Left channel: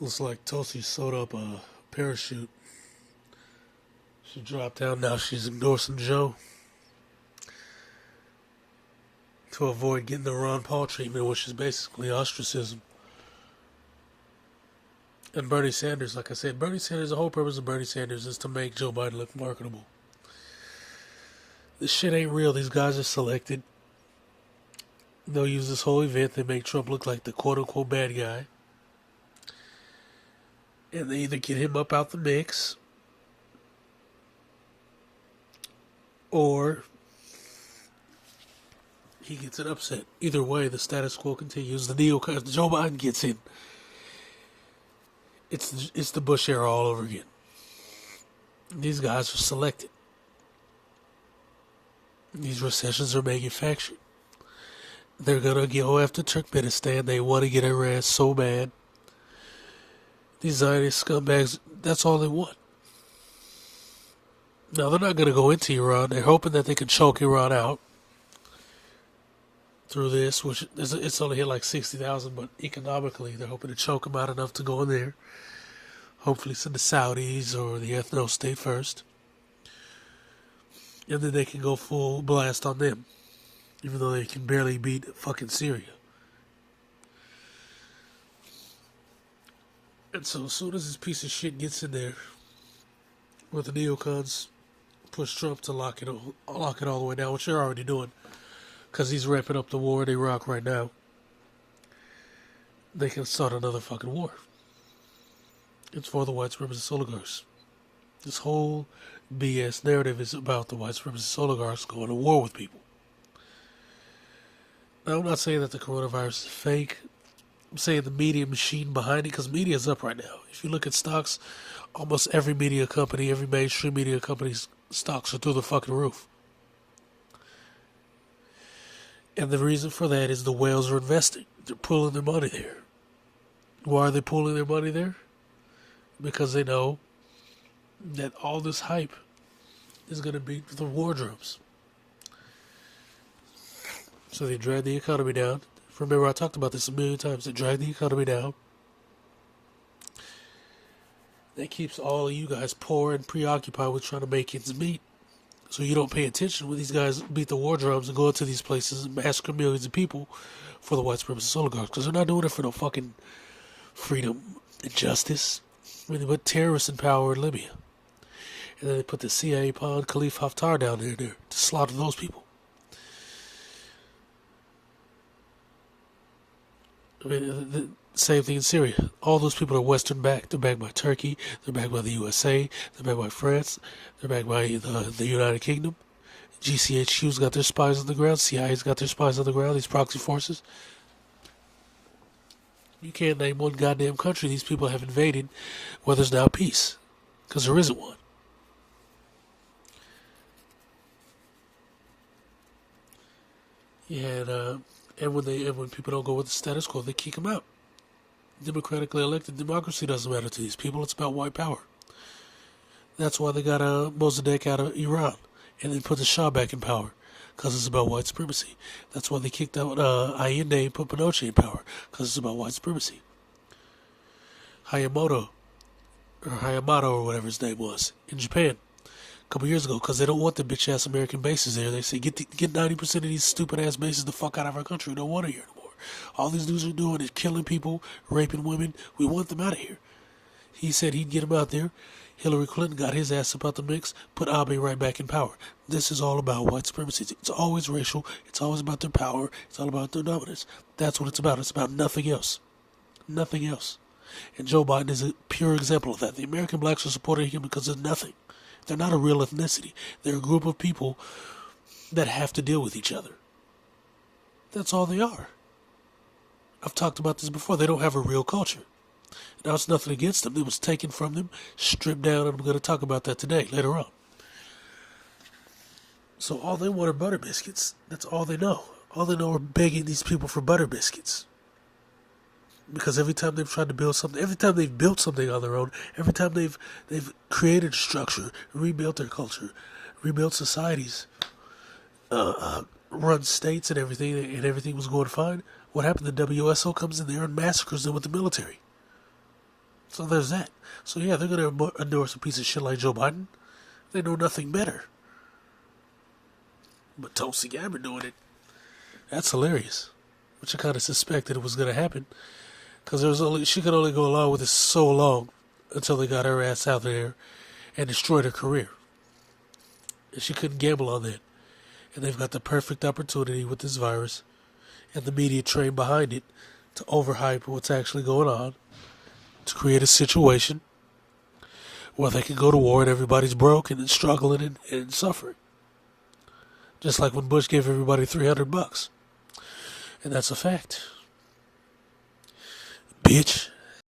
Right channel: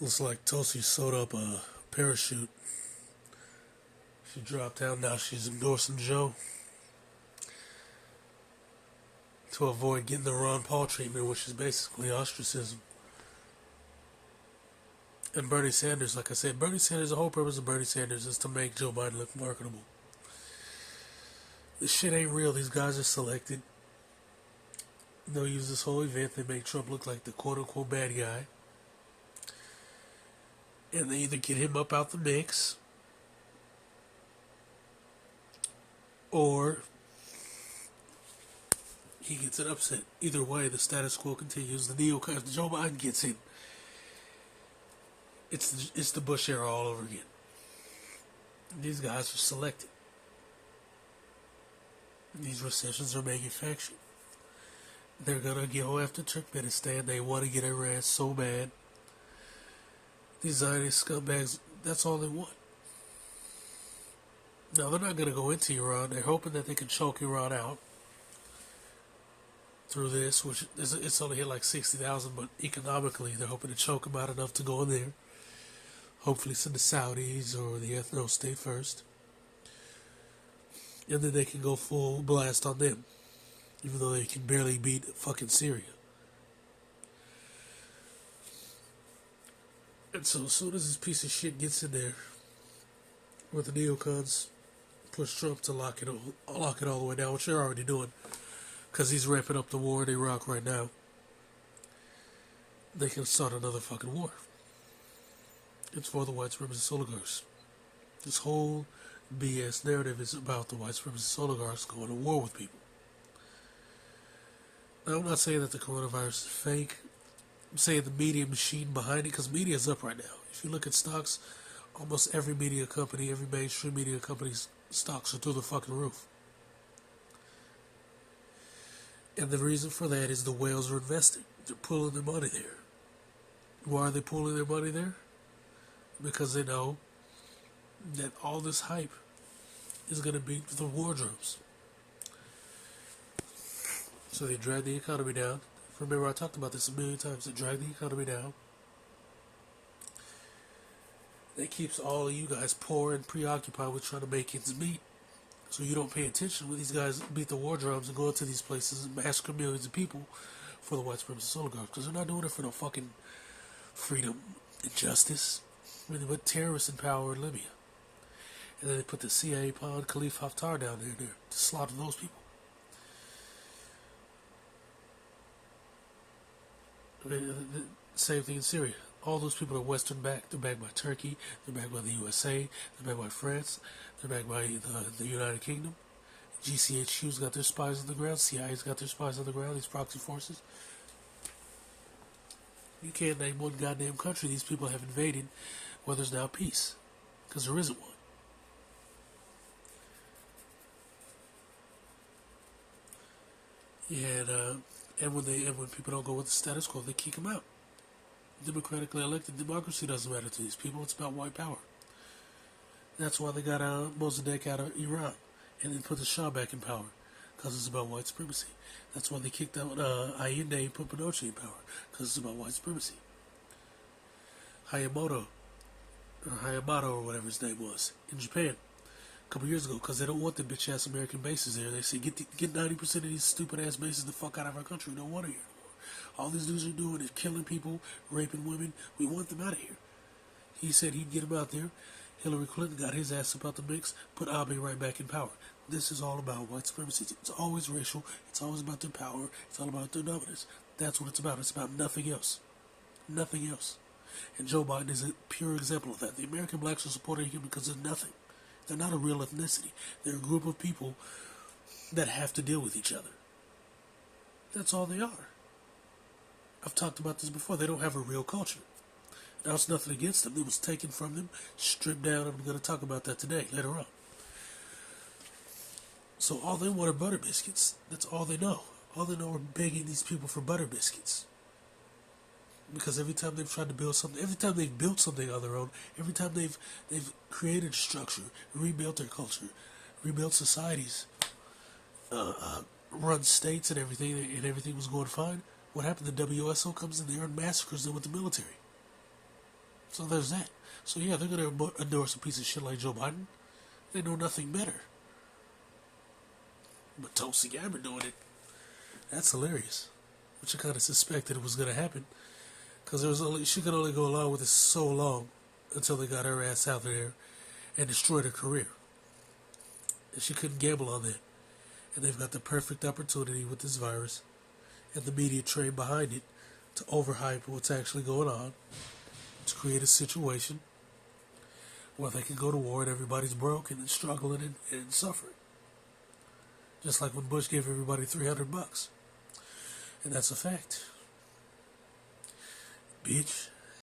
Looks like Tulsi sewed up a parachute. She dropped down. Now she's endorsing Joe to avoid getting the Ron Paul treatment, which is basically ostracism. And Bernie Sanders, like I said, Bernie Sanders, the whole purpose of Bernie Sanders is to make Joe Biden look marketable. This shit ain't real. These guys are selected. They'll use this whole event. They make Trump look like the quote-unquote bad guy. And they either get him up out the mix, or he gets an upset. Either way, the status quo continues. The neocons, Joe Biden gets in. It's the Bush era all over again. These guys are selected. These recessions are manufactured. They're gonna go after Turkmenistan. They want to get Iran so bad. These Zionist scumbags, that's all they want. Now, they're not gonna go into Iran. They're hoping that they can choke Iran out through this, which it's only hit like 60,000, but economically, they're hoping to choke them out enough to go in there. Hopefully send the Saudis or the ethno state first. And then they can go full blast on them, even though they can barely beat fucking Syria. And so as soon as this piece of shit gets in there, where the neocons push Trump to lock it all the way down, which they're already doing, because he's wrapping up the war in Iraq right now, they can start another fucking war. It's for the white supremacist oligarchs. This whole BS narrative is about the white supremacist oligarchs going to war with people. Now, I'm not saying that the coronavirus is fake. I'm saying the media machine behind it, because media is up right now. If you look at stocks, almost every media company, every mainstream media company's stocks are through the fucking roof. And the reason for that is the whales are investing. They're pulling their money there. Why are they pulling their money there? Because they know that all this hype is going to be the wardrobes. So they drag the economy down. Remember, I talked about this a million times. They drag the economy down. That keeps all of you guys poor and preoccupied with trying to make ends meet. So you don't pay attention when these guys beat the wardrobes and go into these places and massacre millions of people for the white supremacist oligarchs. Because they're not doing it for no fucking freedom and justice. I mean, they put terrorists in power in Libya. And then they put the CIA pawn Khalifa Haftar down there to slaughter those people. I mean, the same thing in Syria. All those people are Western backed. They're backed by Turkey. They're backed by the USA. They're backed by France. They're backed by the United Kingdom. GCHQ's got their spies on the ground. CIA's got their spies on the ground. These proxy forces. You can't name one goddamn country these people have invaded where there's now peace. Because there isn't one. And when people don't go with the status quo, they kick them out. Democratically elected democracy doesn't matter to these people. It's about white power. That's why they got Mossadegh out of Iran and then put the Shah back in power, because it's about white supremacy. That's why they kicked out Allende and put Pinochet in power, because it's about white supremacy. Hayamato or whatever his name was in Japan a couple years ago, because they don't want the bitch ass American bases there. They say get 90% of these stupid ass bases the fuck out of our country. We don't want it here anymore. All these dudes are doing is killing people, raping women. We want them out of here. He said he'd get them out there. Hillary Clinton got his ass up out the mix, put Abe right back in power. This is all about white supremacy. It's always racial. It's always about their power. It's all about their dominance. That's what it's about. It's about nothing else. Nothing else. And Joe Biden is a pure example of that. The American blacks are supporting him because of nothing. They're not a real ethnicity. They're a group of people that have to deal with each other. That's all they are. I've talked about this before. They don't have a real culture. Now, it's nothing against them. It was taken from them, stripped down, and I'm going to talk about that today, later on. So all they want are butter biscuits. That's all they know. All they know are begging these people for butter biscuits. Because every time they've tried to build something, every time they've built something on their own, every time they've created a structure, rebuilt their culture, rebuilt societies, run states and everything was going fine, what happened? The WSO comes in there and massacres them with the military. So there's that. So yeah, they're gonna endorse a piece of shit like Joe Biden. They know nothing better. But Tulsi Gabbard doing it. That's hilarious. Which I kind of suspected it was gonna happen, because she could only go along with it so long until they got her ass out there and destroyed her career. And she couldn't gamble on that. And they've got the perfect opportunity with this virus and the media train behind it to overhype what's actually going on, to create a situation where they can go to war and everybody's broke and struggling and suffering. Just like when Bush gave everybody $300. And that's a fact. Bitch.